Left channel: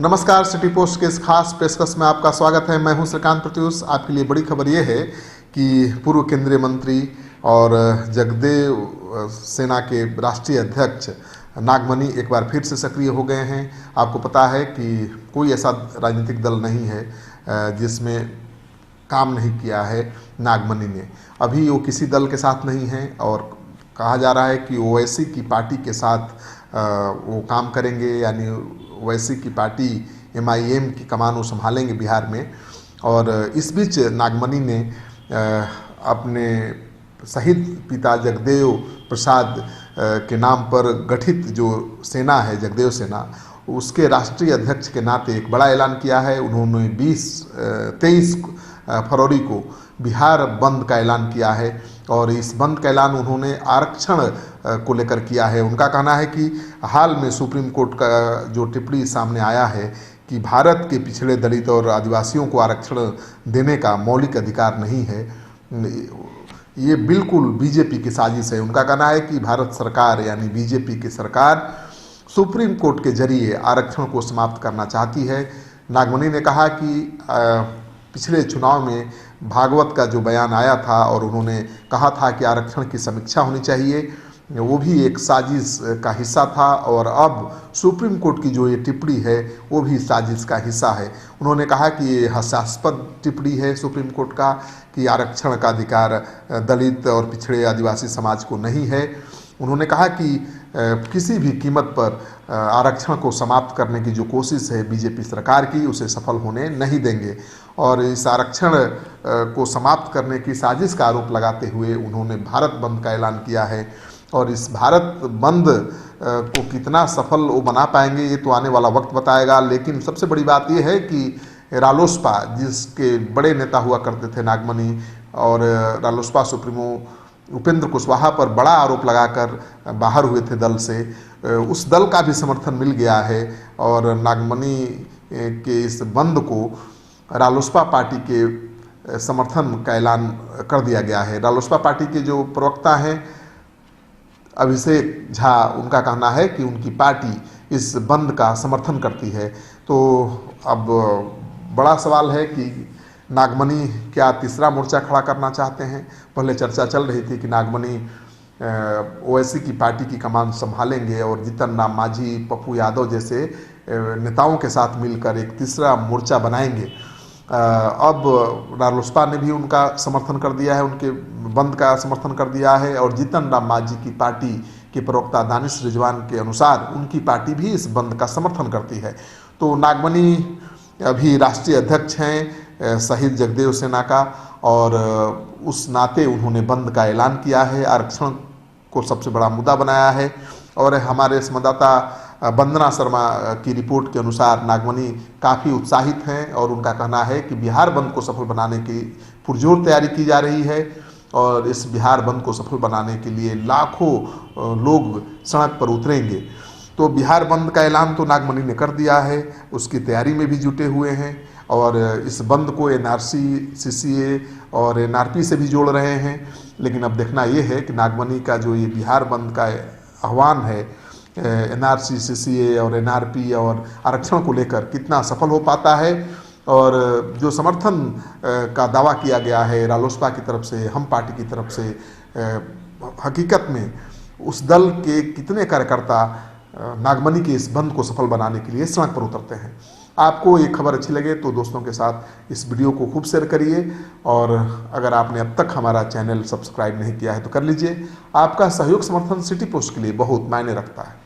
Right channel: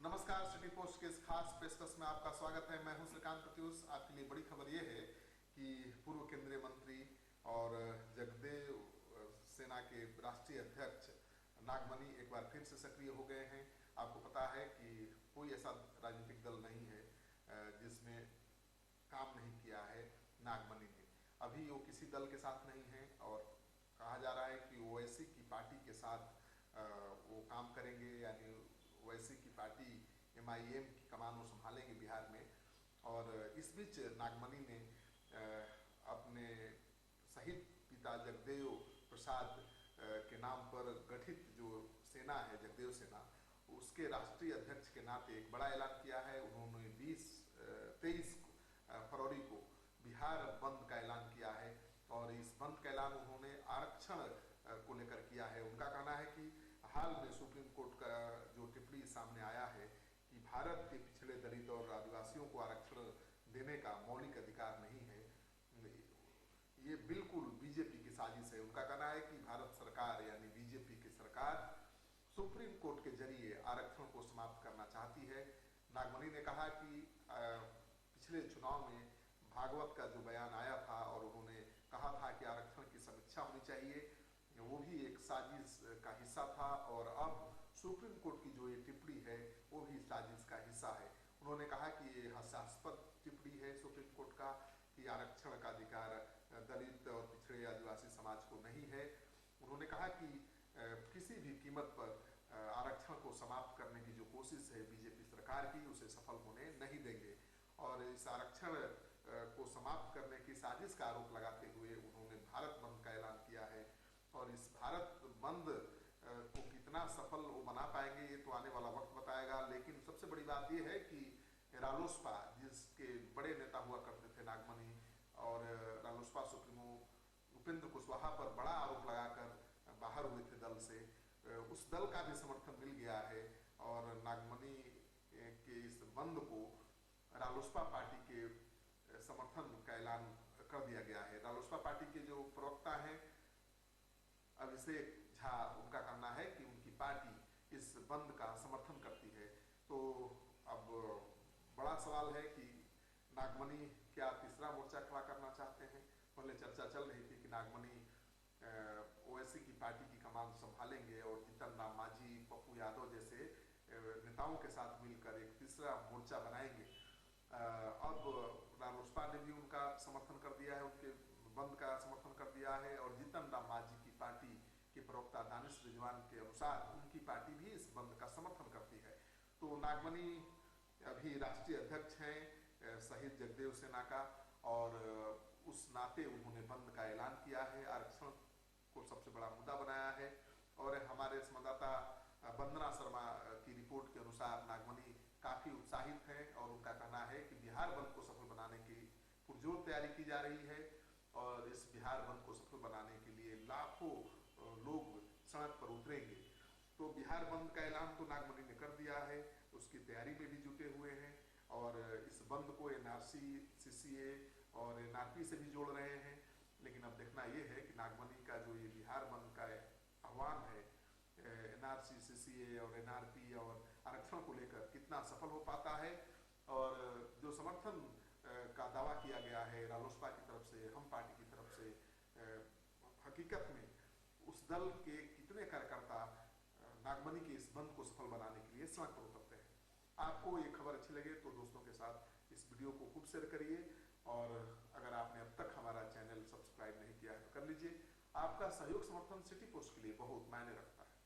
नमस्कार, city post के इस खास पेशकश में आपका स्वागत है। मैं हूं श्रीकांत प्रत्युष। आपके लिए बड़ी खबर यह है कि पूर्व केंद्रीय मंत्री और जगदेव सेना के राष्ट्रीय अध्यक्ष नागमणि एक बार फिर से सक्रिय हो गए हैं। आपको पता है कि कोई ऐसा राजनीतिक दल नहीं है जिसमें काम नहीं किया है नागमणि ने। अभी वो किसी दल के साथ नहीं है और कहा जा रहा है कि ओवैसी की पार्टी के साथ वो काम करेंगे, यानी ओवैसी की पार्टी MIM की कमान वो संभालेंगे बिहार में। और इस बीच नागमणि ने अपने शहीद पिता जगदेव प्रसाद के नाम पर गठित जो सेना है, जगदेव सेना, उसके राष्ट्रीय अध्यक्ष के नाते एक बड़ा ऐलान किया है। उन्होंने 23 फरवरी को बिहार बंद का ऐलान किया है और इस बंद का ऐलान उन्होंने आरक्षण को लेकर किया है। उनका कहना है कि हाल में सुप्रीम कोर्ट का जो टिप्पणी सामने आया है कि भारत के पिछड़े दलित और आदिवासियों को आरक्षण देने का मौलिक अधिकार नहीं है, ये बिल्कुल बीजेपी की साजिश है। उनका कहना है कि भारत सरकार यानी बीजेपी की सरकार सुप्रीम कोर्ट के जरिए आरक्षण को समाप्त करना चाहती है। नागमणि ने कहा कि पिछले चुनाव में भागवत का जो बयान आया था और उन्होंने कहा था कि आरक्षण की समीक्षा होनी चाहिए, वो भी एक साजिश का हिस्सा था और अब सुप्रीम कोर्ट की जो ये टिप्पणी है वो भी साजिश का हिस्सा है। उन्होंने कहा कि ये हास्यास्पद टिप्पणी है सुप्रीम कोर्ट का कि आरक्षण का अधिकार दलित और पिछड़े आदिवासी समाज को नहीं है। उन्होंने कहा कि किसी भी कीमत पर आरक्षण को समाप्त करने की जो कोशिश है बीजेपी सरकार की, उसे सफल होने नहीं देंगे। और इस आरक्षण को समाप्त करने की साजिश का आरोप लगाते हुए उन्होंने भारत बंद का ऐलान किया है। और इस भारत बंद को कितना सफल वो बना पाएंगे ये तो आने वाला वक्त बताएगा। लेकिन सबसे बड़ी बात ये है कि रालोसपा, जिसके बड़े नेता हुआ करते थे नागमणि, और रालोसपा सुप्रीमो उपेंद्र कुशवाहा पर बड़ा आरोप लगाकर बाहर हुए थे दल से, उस दल का भी समर्थन मिल गया है और नागमणि के इस बंद को रालोसपा पार्टी के समर्थन का ऐलान कर दिया गया है। रालोसपा पार्टी के जो प्रवक्ता हैं अभिषेक झा, उनका कहना है कि उनकी पार्टी इस बंद का समर्थन करती है। तो अब बड़ा सवाल है कि नागमणि क्या तीसरा मोर्चा खड़ा करना चाहते हैं। पहले चर्चा चल रही थी कि नागमणि ओवैसी की पार्टी की कमान संभालेंगे और जीतन राम मांझी, पप्पू यादव जैसे नेताओं के साथ मिलकर एक तीसरा मोर्चा बनाएंगे। अब रालोसपा ने भी उनका समर्थन कर दिया है, उनके बंद का समर्थन कर दिया है। और जीतन राम मांझी की पार्टी के प्रवक्ता दानिश रिजवान के अनुसार उनकी पार्टी भी इस बंद का समर्थन करती है। तो नागमणि अभी राष्ट्रीय अध्यक्ष हैं शहीद जगदेव सेना का और उस नाते उन्होंने बंद का ऐलान किया है, आरक्षण को सबसे बड़ा मुद्दा बनाया है। और हमारे संवाददाता वंदना शर्मा की रिपोर्ट के अनुसार नागमणि काफ़ी उत्साहित हैं और उनका कहना है कि बिहार बंद को सफल बनाने की पुरजोर तैयारी की जा रही है और इस बिहार बंद को सफल बनाने के लिए लाखों लोग सड़क पर उतरेंगे। तो बिहार बंद का ऐलान तो नागमणि ने कर दिया है, उसकी तैयारी में भी जुटे हुए हैं और इस बंद को NRC, CCA और NRP से भी जोड़ रहे हैं। लेकिन अब देखना ये है कि नागमणि का जो ये बिहार बंद का आह्वान है NRC, CCA और NRP और आरक्षण को लेकर कितना सफल हो पाता है। और जो समर्थन का दावा किया गया है रालोसपा की तरफ से, हम पार्टी की तरफ से, हकीकत में उस दल के कितने कार्यकर्ता नागमणि के इस बंद को सफल बनाने के लिए सड़क पर उतरते हैं। आपको ये खबर अच्छी लगे तो दोस्तों के साथ इस वीडियो को खूब शेयर करिए और अगर आपने अब तक हमारा चैनल सब्सक्राइब नहीं किया है तो कर लीजिए। आपका सहयोग समर्थन सिटी पोस्ट के लिए बहुत मायने रखता है।